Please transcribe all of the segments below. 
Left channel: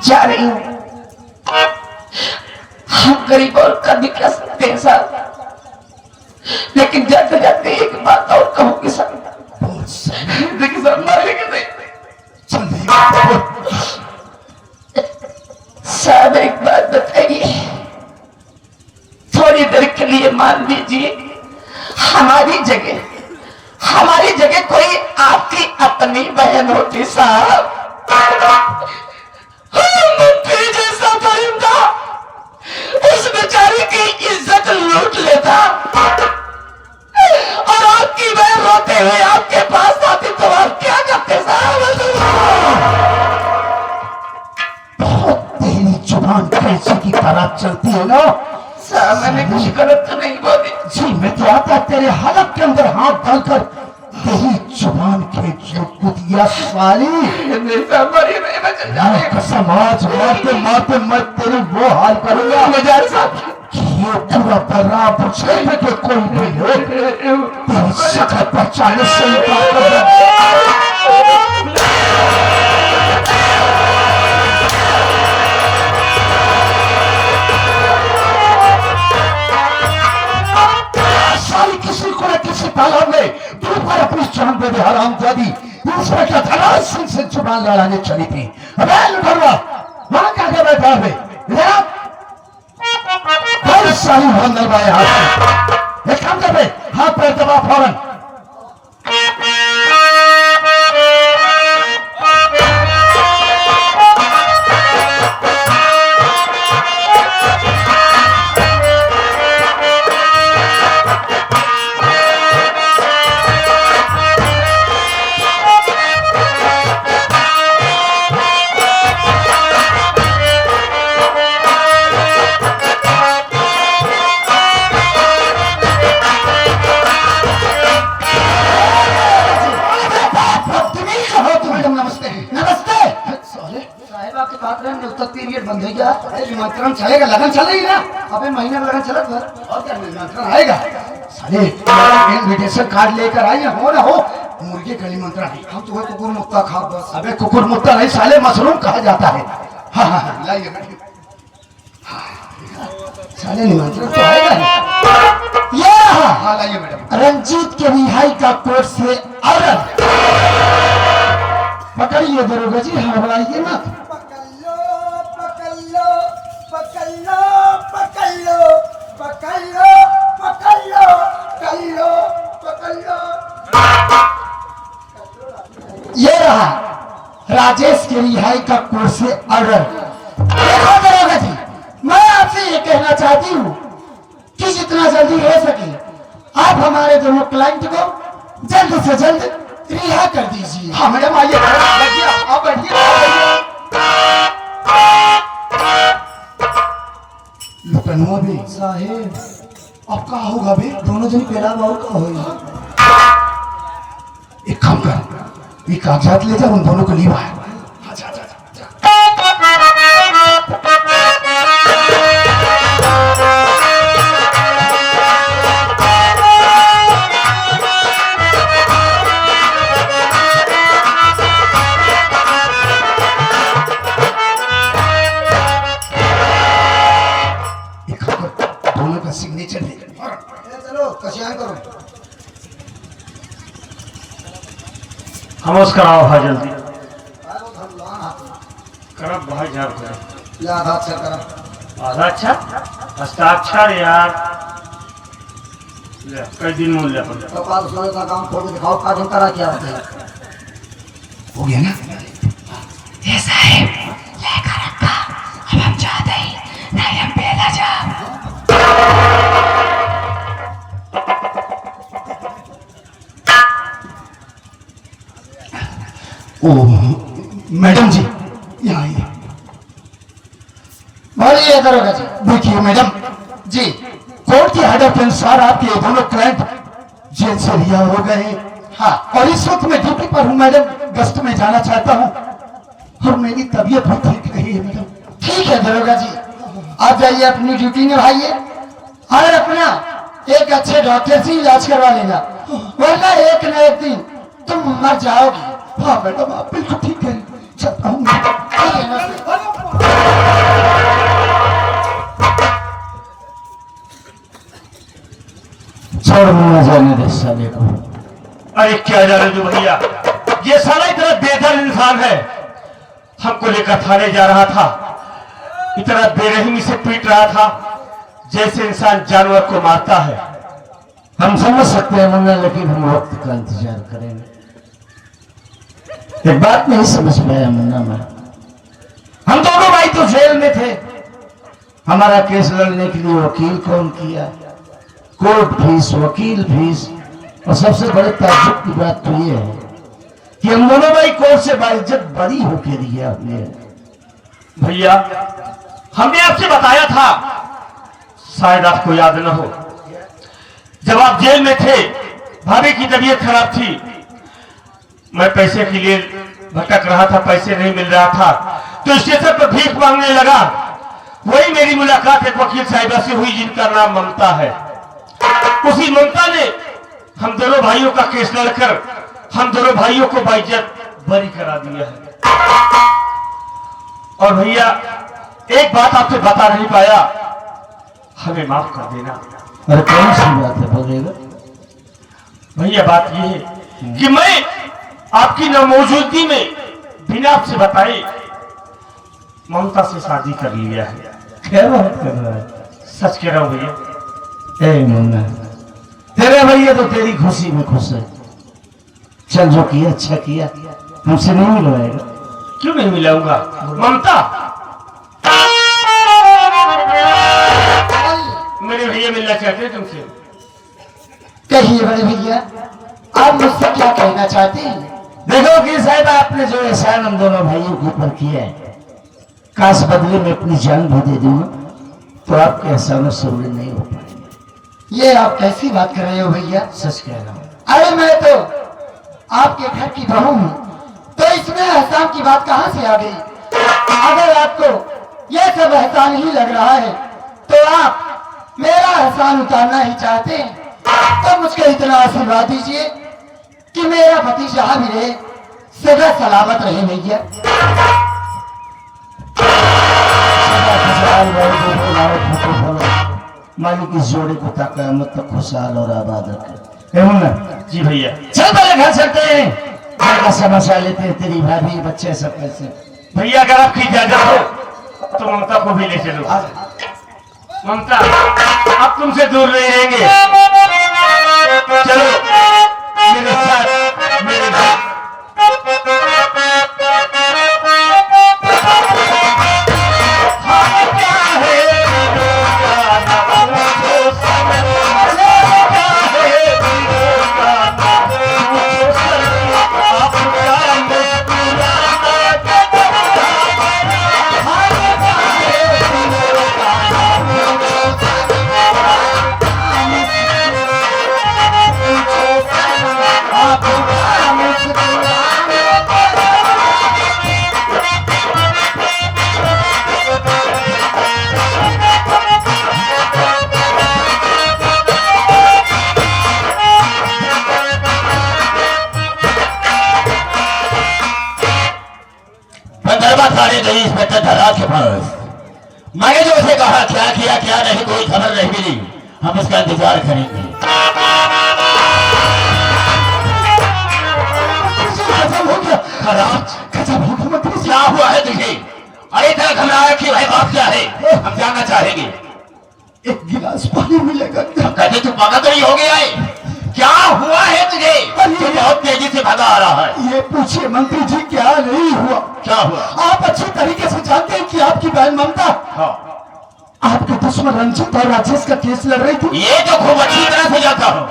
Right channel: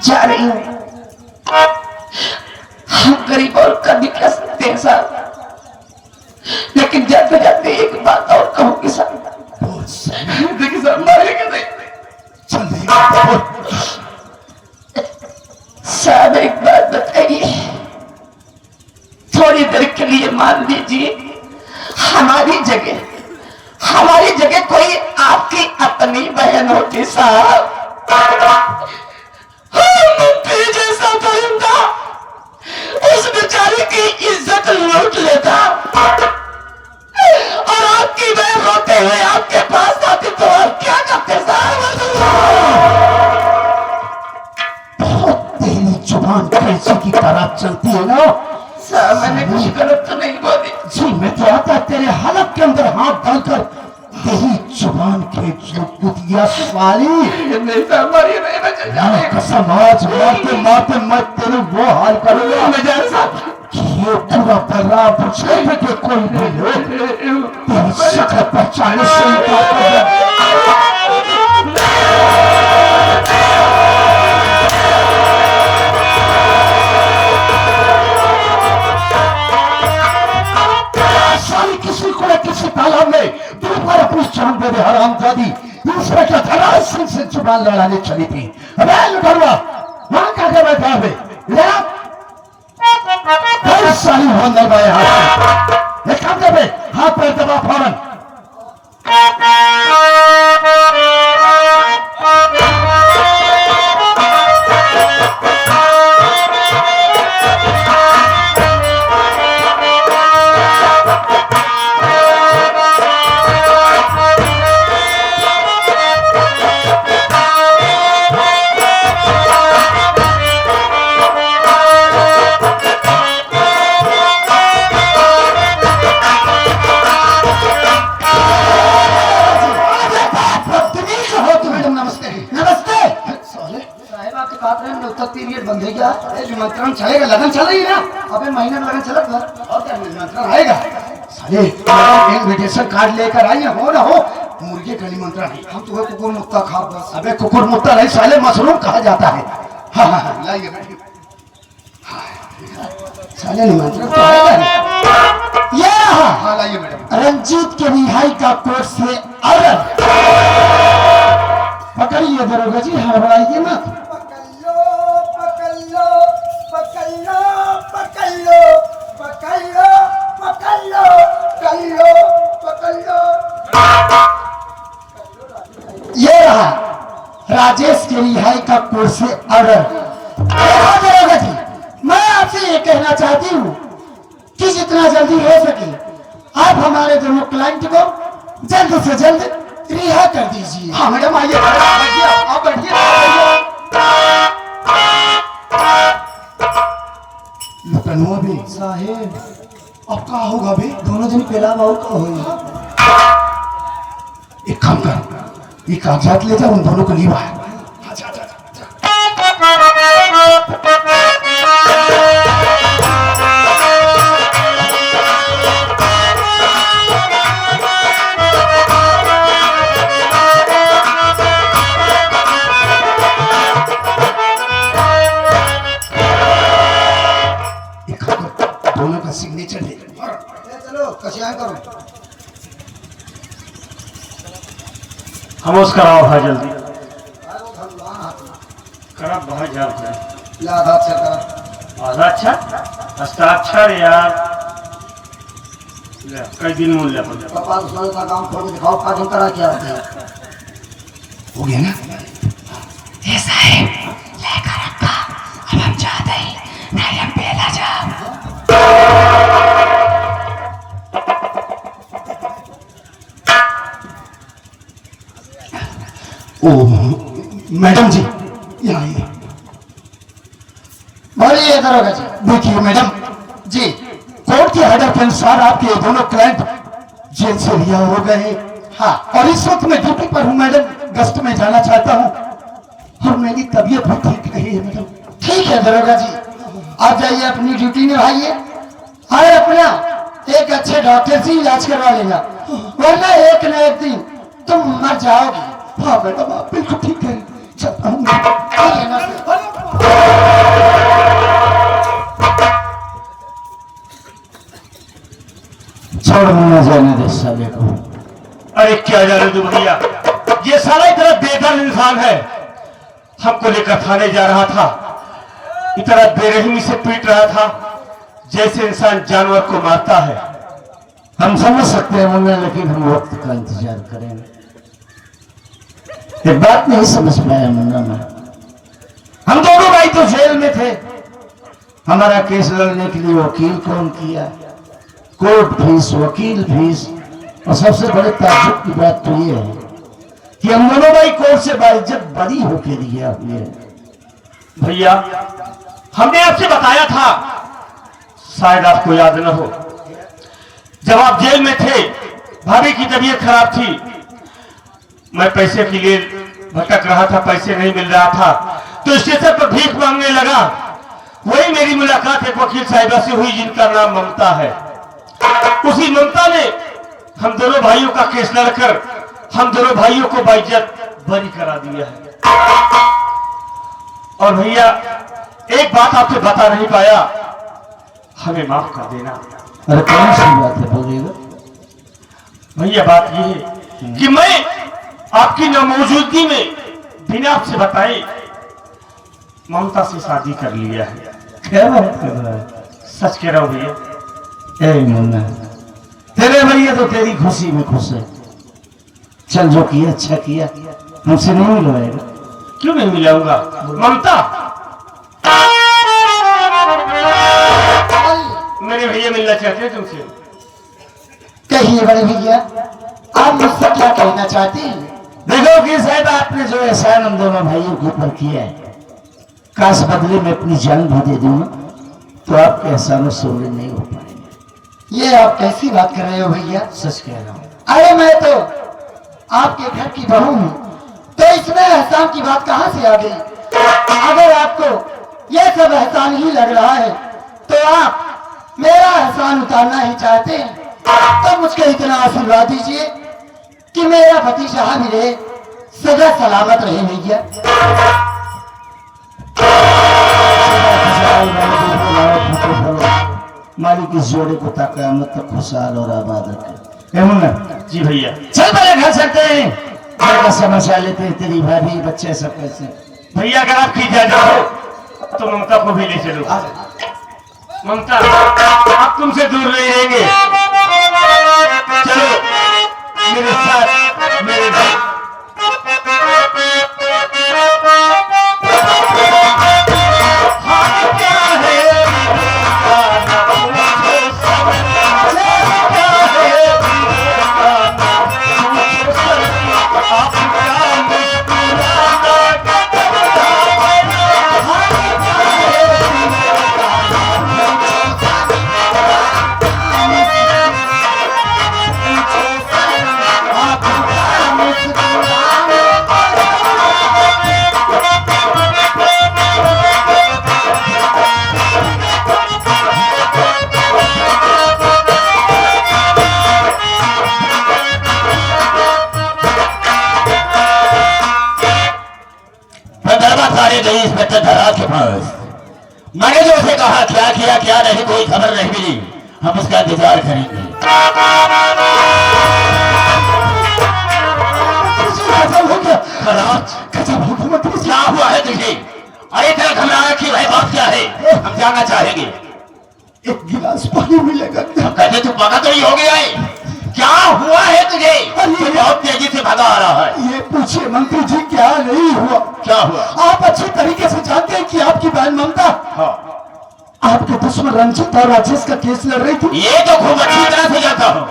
जा रही हूँ। हम गरीब और का निकल सकते हैं साहब, लेकिन जाते जाते एक बात और कहूँ किसान, देखिए साहब मारेंगे नहीं। साहब एक बात बताइए, थोड़ी देर के लिए मान लीजिए हमारी जगह कोई आपकी अपनी बहन होती साहब, जैसा करूंगा उस बेचारे की इज्जत लूट लेता, और आपकी बहन होते हुए आपके पास आती तो आप क्या करते साहब? तेरी जुबान कैसे की तरह चलती है ना साहब, मैंने कुछ गलत तो नहीं बोली जी। मैं तो आता तेरे हलक के अंदर हाथ डालकर तेरी जुबान के जो कुतिया साली, नहीं साहब, मारिए नहीं, कसम आज मारते मारते मैं तेरी वो हाल करूंगा कि ये पूरा बर्रा पूछे कि कोई भी लोग तेरी शक्ल पहचाने से इनकार कर दे। किसी को न किसी तालाब में दोबारा अपनी जान दे दे हराम दादी दूसरे का धड़ा सिंह से जुबान लड़ाने चली थी। वहां क्या कर बैठा है? सारी वहां दबाए हाथ एक काम दे हाथ पर दबा फौरन। निमंत्रण चलेगा, लगन चल रही है ना, अबे महीना लगन चला और क्या निमंत्रण आएगा? साले इनविटेशन कार्ड लेकर आई हो ना हो, मुर्गे का निमंत्रण है। हम तुम्हें कुकुर मुत्ता खा बस। अबे कुकुर मुत्ता नहीं साले, मशरूम कहा जाता है। हाँ हाँ हाँ लाइए साले, निमंत्रण तो आएगा नहीं। ये हाँ लाइए मैडम, रंजीत के रिहाई का कोर्ट से ऑर्डर। पकड़िए दरोगा जी, हड़बड़ाइए ना। ये रहा राजेश के रिहाई का कोर्ट से ऑर्डर। दरोगा जी, मैं आपसे ये कहना चाहती हूँ कि जितना जल्दी हो सके आप हमारे दोनों क्लाइंट को जल्द से जल्द रिहा कर दीजिए। हाँ मैडम आइए, आप बैठिए। लुकनुआ भी साहेब, अब का होगा बे? दोनों जन पहला बाबू का होगा। एक काम कर, ये कागजात ले जा, उन दोनों को लीवा है। दोनों का सिग्नेचर ले चलो, कशाय करो। खामोश कराओ है जल्दी करब भाई जाओ कर आधा अच्छा कर, आधा अच्छा हस्ताक्षर यार ले कई दिन मूल ले पड़े कपाल सोने का काम छोड़ के दिखाओ का दिन करा क्या होता है। हो गया ना ये साहब, लेकर रखा। अब हम चाहते ही नहीं, हम पहला जा। ओ मैडम जी यहाँ आइए। बोलिए दरोगा जी। देखिए मैडम जी, कोर्ट के ऑर्डर के अनुसार आपके दोनों क्लाइंट जेल से रिहा हो गए। हाँ, और इस वक्त मैं ड्यूटी पर हूँ मैडम, गश्त में जाना चाहता हूँ और मेरी तबीयत बहुत ठीक नहीं है मैडम। ठीक है दरोगा जी, आप जाइए अपनी ड्यूटी निभाइए और अपना एक अच्छे डॉक्टर से इलाज करवा लेना, वरना एक न एक दिन तुम मर जाओगे। हाँ मैडम, आप बिल्कुल ठीक है। छोड़ मुन्ना, जाने दे साले को। अरे क्या जाने तू भैया, ये साला इतना बेदर्द इंसान है। हमको लेकर थाने जा रहा था, इतना बेरहमी से पीट रहा था जैसे इंसान जानवर को मारता है। हम समझ सकते हैं मुन्ना, लेकिन हम वक्त का इंतजार करेंगे। एक बात नहीं समझ पाया मुन्ना मैं, हम दोनों भाई तो जेल में थे, हमारा केस लड़ने के लिए वकील कौन किया, कोर्ट फीस, वकील फीस, और सबसे बड़े ताज्जुब की बात तो ये है कि हम दोनों भाई कोर्ट से बाइज्जत बरी होके दिया हुए। भैया हमने आपसे बताया था, शायद आपको याद न हो, जब आप जेल में थे भाभी की तबीयत खराब थी, मैं पैसे के लिए भटक रहा था, पैसे नहीं मिल रहा था तो स्टेशन पर भीख मांगने लगा। वही मेरी मुलाकात एक वकील साहिबा से हुई जिनका नाम ममता है। उसी ममता ने हम दोनों भाइयों का केस लड़कर हम दोनों भाइयों को बाइज्जत बरी करा दिया है। और भैया एक बात आपसे बता नहीं पाया, हमें माफ कर देना। अरे कौन सी बात है, बोलेगा? भैया बात यह है कि मैं आपकी नामौजूदगी में बिना आपसे बताए ममता से शादी कर लिया है। क्या बात कर रहा है? सच कह रहा हूं भैया। ए मुन्ना, तेरे भैया तो तेरी खुशी में खुश है। चल जो किया अच्छा किया, हमसे नहीं मिलवाएगा। क्यों नहीं मिलाऊंगा ममता? मेरे भैया मिलना चाहते हैं तुमसे। कहिए बड़े भैया, आप मुझसे क्या कहना चाहते हैं? देखो कि साहब, आपने जो एहसान हम दोनों भाइयों के ऊपर किया है, काश बदले में अपनी जान भी दे दूं तो आपके एहसानों से उल्ले नहीं हो पाएंगे। ये आप कैसी बात कर रहे हो भैया? सच कह रहा हूँ। अरे मैं तो आपके घर की बहू हूँ, तो इसमें एहसान की बात कहाँ से आ गई? अगर आपको यह सब एहसान ही लग रहा है तो आप मेरा एहसान उतारना ही चाहते हैं, तो मुझको इतना आशीर्वाद दीजिए कि मेरा पति जहां भी रहे सदा सलामत रहे भैया। मालिक इस जोड़े को ताक़यामत तक खुशहाल और आबाद रखे। जी भैया। चल मेरे घर चलते हैं, घर का समझा लेते हैं, तेरी भाभी बच्चे सब कैसे। भैया अगर आपकी इजाजत हो तो ममता को भी ले चलो। ममता आप तुमसे दूर नहीं रहेंगे, चलो मेरे साथ मेरे घर। गई इंस्पेक्टर धरा के पास, मैंने जो उसे कहा क्या किया क्या नहीं कोई खबर नहीं मिली, हम उसका इंतजार करेंगे। क्या हुआ है तुझे? अरे तेरा घबराया कि भाई बात क्या है, हम जानना चाहेंगे। एक गिलास पानी मिलेगा? कहते तू पागल तो नहीं हो गया है? क्या हुआ है तुझे? बहुत तेजी से भागा आ रहा है। ये पूछिए मंत्री जी, क्या नहीं हुआ? क्या हुआ? आप अच्छी तरीके से जानते हैं कि आपकी बहन ममता आपके दुश्मन रंजीत और राजेश का केस लड़ रही थी। ये तो खूब अच्छी तरह से जानता हूँ।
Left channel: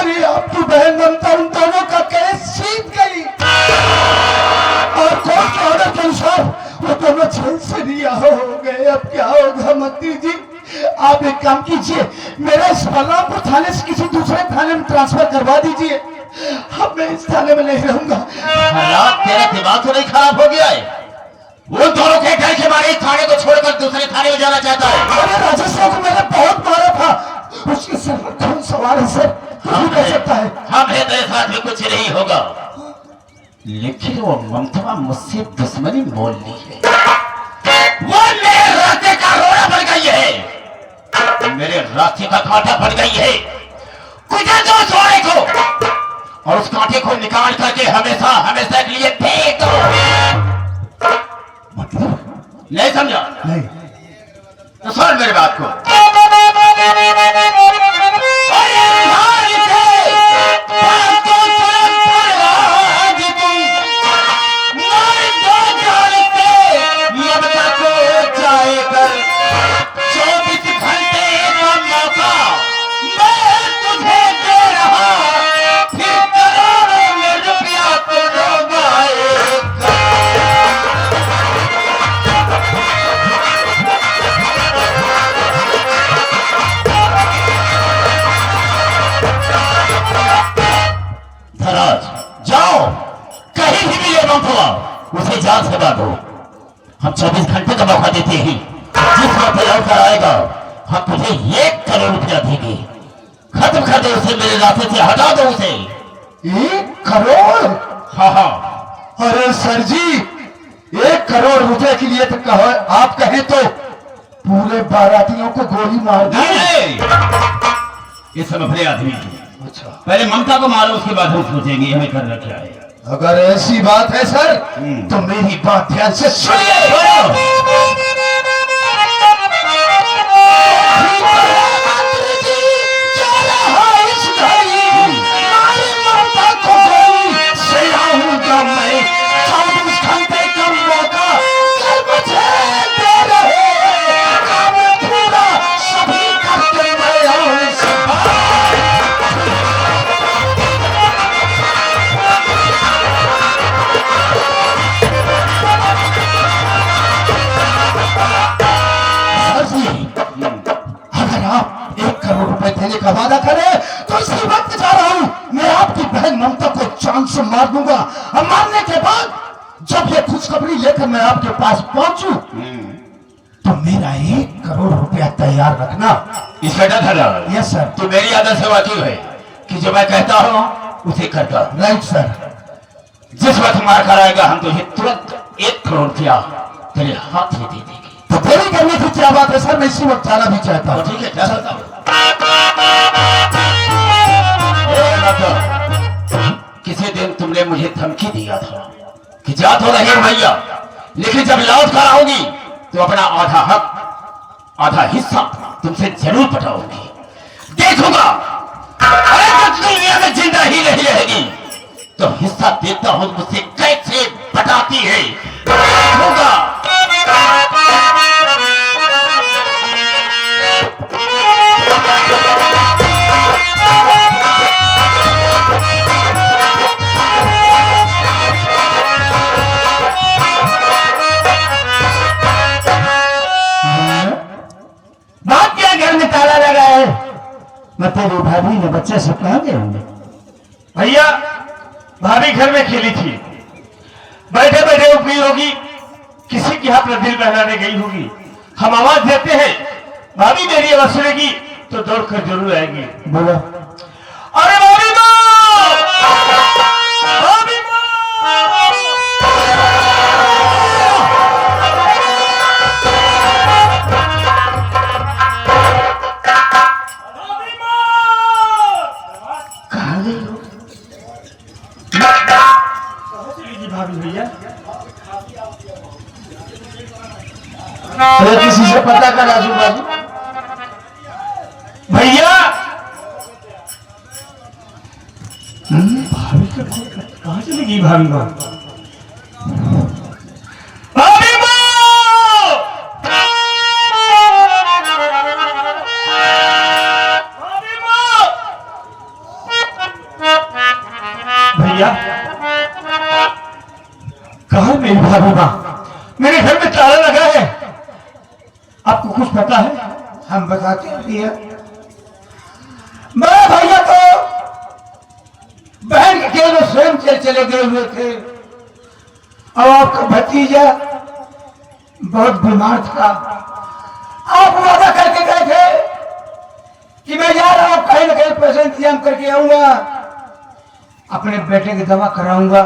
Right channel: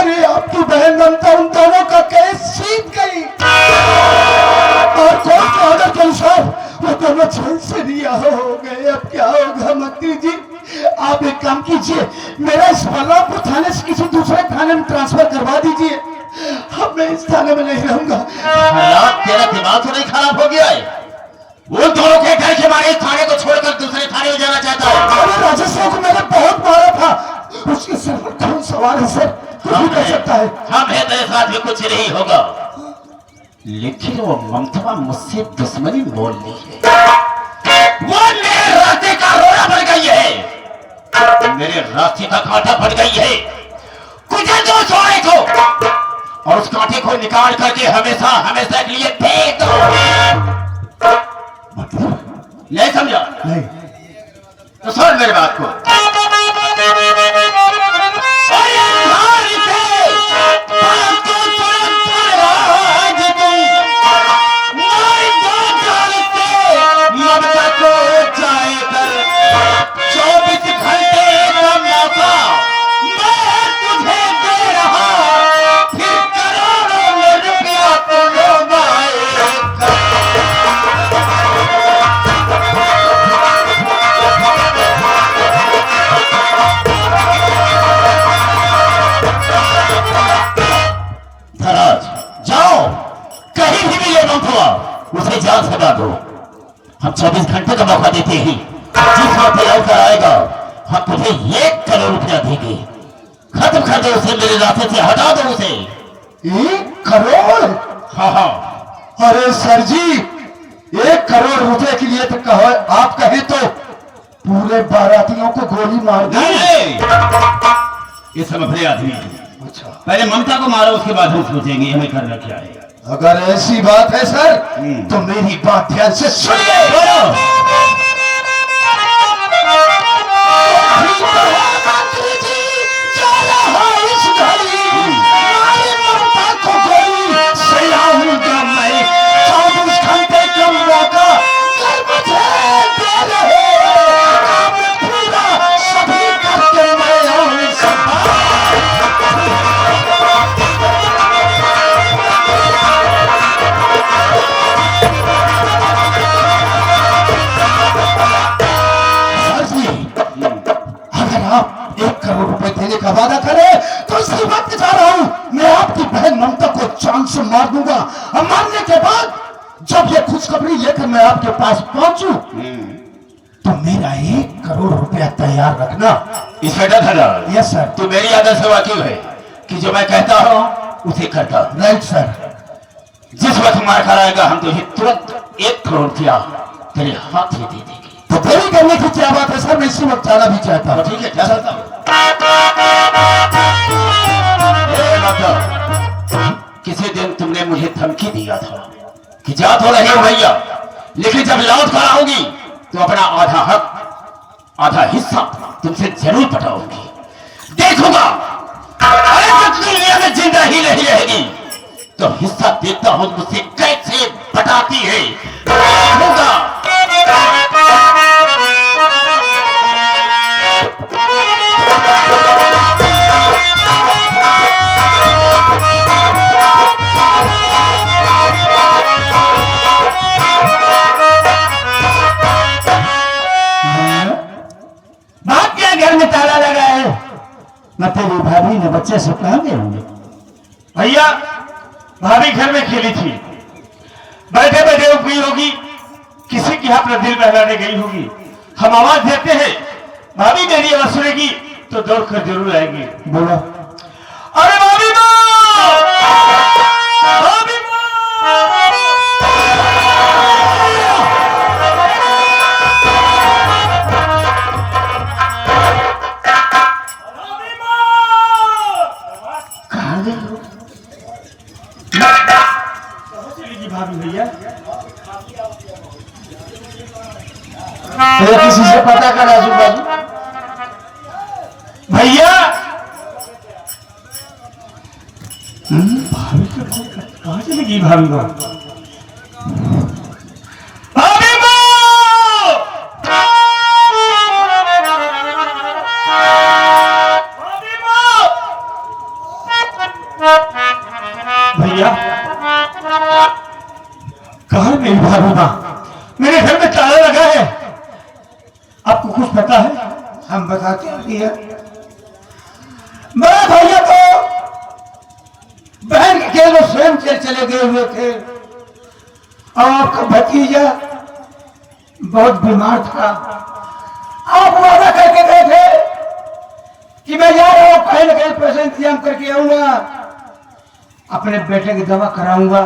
अरे आपकी बहन ममता उन दोनों का केस जीत गई और कोर्ट के ऑर्डर के अनुसार वो दोनों जेल से रिहा हो गए। अब क्या होगा मंत्री जी? आप एक काम कीजिए, मेरा इस बलरामपुर थाने से किसी दूसरे थाने में ट्रांसफर करवा दीजिए। अब मैं इस थाने में नहीं रहूंगा। तेरा दिमाग तो नहीं खराब हो गया है? वो दोनों के डर के मारे थाने को छोड़कर दूसरे थाने में जाना चाहता है। अरे राजेश को मैंने बहुत मारा था, उसके सिर पर खून सवार है सर, कुछ कर सकता है। हम है तेरे साथ भी कुछ नहीं होगा, लेकिन वो ममता मुझसे दुश्मनी बोल ली है। वो मेरे रास्ते का रोड़ा बन गई है, मेरे रास्ते का कांटा बन गई है। कुचल दो उस वाणी को और उस कांटे को निकाल करके हमेशा हमेशा के लिए फेंक दो। मतलब नहीं समझा? नहीं। तो सुन मेरी बात को। उसे जान सजा दो। हम 24 घंटे का मौका देते हैं, जिस वक्त लौटकर आएगा हम तुझे 1 करोड़ रुपया देंगे। खत्म कर दो उसे, मेरे रास्ते से हटा दो उसे। 1 करोड़? हाँ हाँ। अरे सर जी, 1 करोड़ रुपए के लिए तो कहो, आप कहें तो पूरे बारातियों को गोली मार दो। ये सब अपने आदमी है। अच्छा, पहले ममता को मारो, उसके बाद हम सोचेंगे हमें करना क्या है। अगर ऐसी बात है सर तो मेरी बात ध्यान से सुनिए। देने का वादा करे तो इसी वक्त जा रहा हूं। मैं आपकी बहन ममता को जान से मार दूंगा और मारने के बाद जब ये खुशखबरी लेकर मैं आपके पास पहुंचू तो मेरा 1 करोड़ रुपया तैयार रखना। इसका धन? Yes sir. तो मेरी आदत से वाकिफ है कि जो मैं कहता हूं उसे करता हूं। Right sir. जिस वक्त मार कराएगा हम तो तुरंत 1 करोड़ रुपया तेरे हाथ में दे देंगे। तो देरी करने की क्या बात है सर, मैं इसी वक्त जाना भी चाहता हूँ। ठीक है, जा सकता हूँ। किसी दिन तुमने मुझे धमकी दिया था कि जा तो रही हो भैया, लेकिन जब लौट कर आओगी तो अपना आधा हक आधा हिस्सा तुमसे जरूर पटाऊंगी। देखूंगा अरे तक दुनिया में जिंदा ही नहीं रहेगी तो हिस्सा देता हूं मुझसे कैसे पटाती है। देखूंगा। घर में ताला लगा है, मैं तेरी भाभी ने बच्चे से कहा गए होंगे। भैया भाभी घर में खेली थी, बैठे बैठे उठ गई होगी, किसी के हाथ में दिल बहलाने गई होगी। हम आवाज देते हैं भाभी मेरी आवाज सुनेगी तो दौड़ कर जरूर आएगी। बोलो अरे भाभी भाभी भाभी भैया किसी से पता कर आजू बाजू। भैया भाभी के कहां चली गई? भाभी माँ भाभी भैया कहा मेरी भाभी माँ? मेरे घर में ताला लगा है, आपको कुछ पता है? हम बताते हैं भैया। मेरे भैया तो बहन के केवल स्वयं चले गए हुए थे और आपका भतीजा बहुत बीमार था। आप वादा करके गए थे कि मैं जा रहा हूं, कहीं न कहीं पैसे इंतजाम करके आऊंगा, अपने बेटे की दवा कराऊंगा।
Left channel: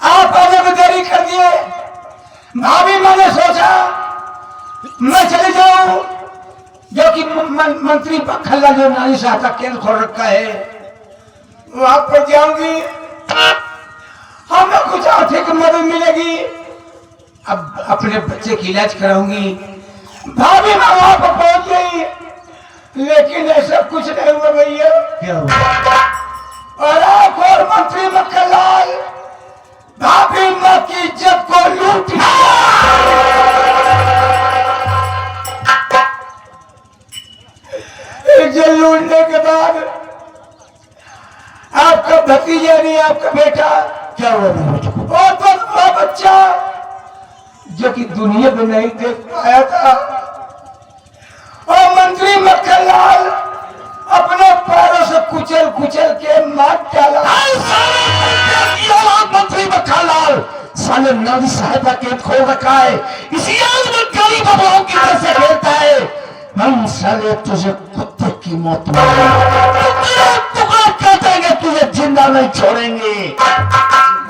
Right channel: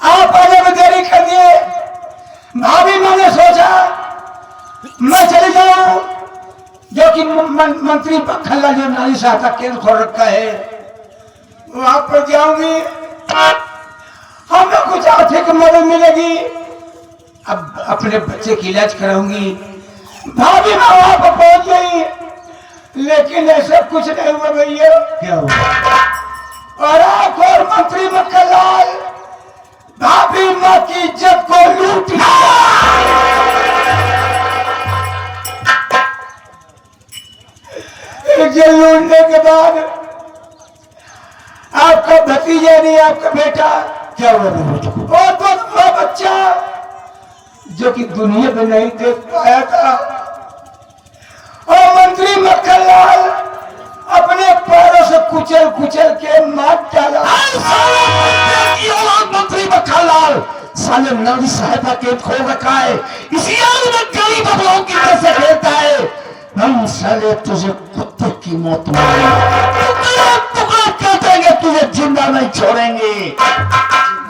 आप आने में देरी कर दिए। भाभी मैंने सोचा मैं चली जाऊं, जो कि मंत्री खल्ला जो नारी सहायता केंद्र खोल रखा है, वहां पर जाऊंगी, हमें कुछ आर्थिक मदद मिलेगी, अब अपने बच्चे की इलाज कराऊंगी। भाभी मैं वहां पर पहुंच गई, लेकिन ऐसा कुछ नहीं हुआ भैया। क्या हुआ? और एक और मंत्री मक्खनलाल भाभी माँ की इज्जत को लूट लिया। इज्जत लूटने के बाद आपका भतीजा नहीं, आपका बेटा क्या हुआ? और तो वो बच्चा जो कि दुनिया में नहीं देख पाया था, और मंत्री मक्खनलाल अपने पैरों से कुचल कुचल के मार डाला। मंत्री मक्खनलाल साले नारी सहायता केंद्र खोल रखा है, इसी गरीब बबुओं की वजह से खेलता है। हम साले तुझे कुत्ते की मौत टुकड़ा कर देंगे, तुझे जिंदा नहीं छोड़ेंगे।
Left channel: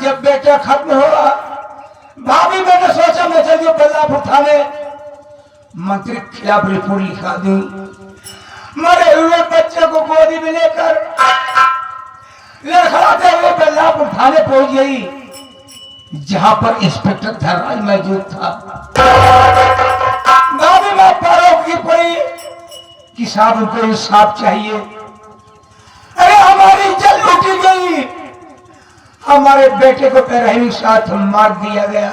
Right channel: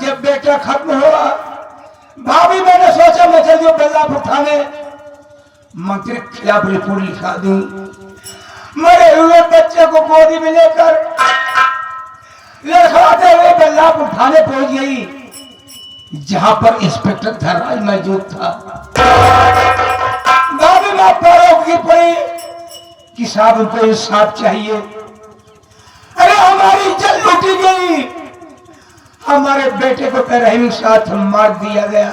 जब बेटा खत्म हुआ, भाभी मैंने सोचा मैं चलिए बल्लापुर थाने मंत्री के खिलाफ रिपोर्ट लिखा दूं। मरे हुए बच्चे को गोदी में लेकर लिखाते हुए बल्लापुर थाने पहुंच गई, जहां पर इंस्पेक्टर धरवाल मौजूद था। भाभी मां पैरों की पड़ी कि साहब उनको इंसाफ चाहिए। अरे हमारी इज्जत लूटी गई, हमारे बेटे को पैरवी साथ मार दिया गया,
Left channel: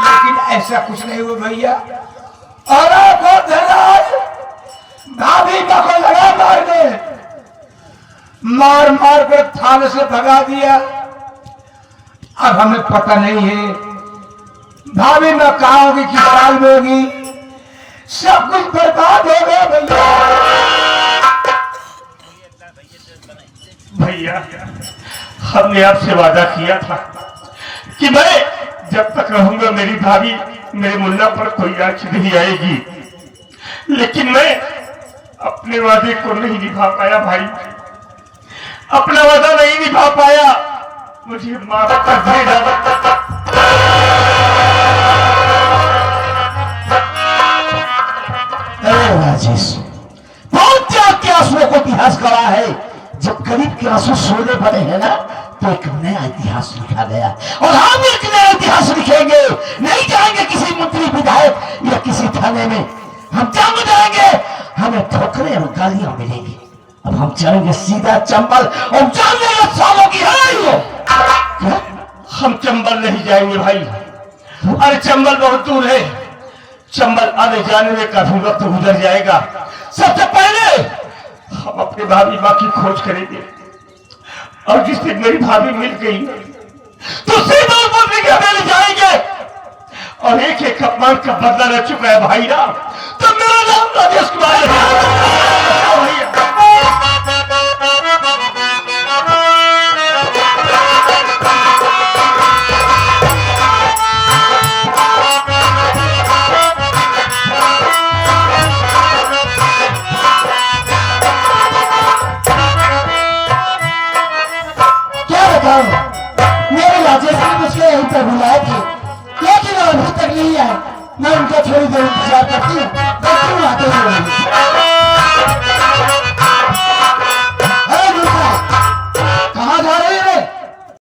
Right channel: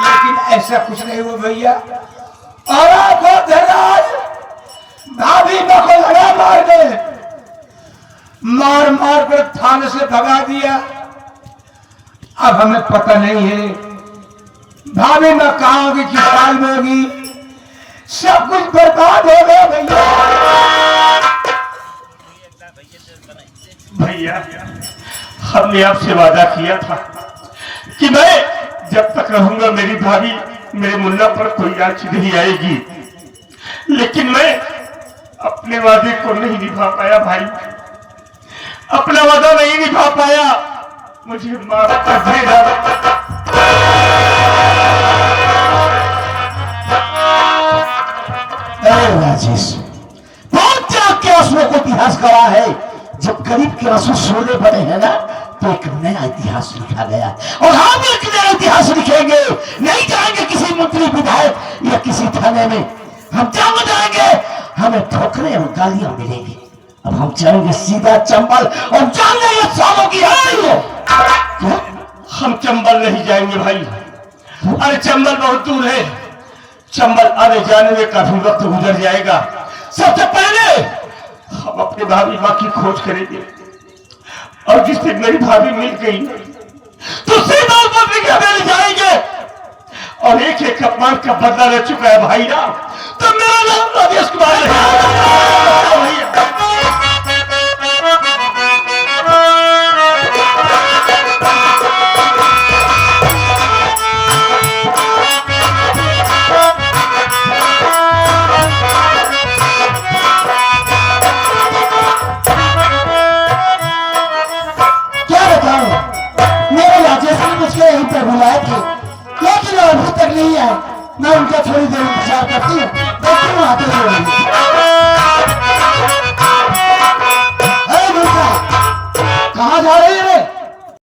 लेकिन ऐसा कुछ नहीं हुआ भैया। और भाभी मां को लगा मारने, मार मार कर थाने से भगा दिया। अब हमें पता नहीं है भाभी मां कहाँ होगी, किस साल में होगी, सब कुछ बर्बाद हो गया भैया। भैया हमने आपसे वादा किया था कि मैं जब तक रहूंगा मेरी भाभी मेरे मुन्ना पर कोई आंच नहीं आएगी, लेकिन मैं अपने वादे को नहीं निभा पाया भाई, अपना वादा नहीं निभा पाया, मुझे माफ कर देना। अरे राजेश, बहुत त्याग के आंसुओं को इतिहास करा है। जब गरीब के आंसू सोने पड़े हैं ना, तो एक नया इतिहास लिखा गया, और हम एक नया इतिहास लिखेंगे। नहीं जाएंगे किसी मंत्री विधायक या किसी थाने में, हम जंग जाएंगे, हमें ठोकरे और गालियां मिलेंगी। अब हम चलेंगे सीधा चंबल और जान लेंगे सालों की है। हम चंबल नहीं जाएंगे भाई, अरे चंबल बहुत दूर है, चंबल आने जाने में काफी वक्त गुजर जाएगा। सबसे पहले हम अपने भाभी माँ की खोज करेंगे, और जिस दिन मेरी भाभी मिल गई तो सीधा मंत्री के घर जाएंगे, और एक एक अपमान का बदला ले चुका है भाई ना, तो मेरा नाम राजेश कुमार है।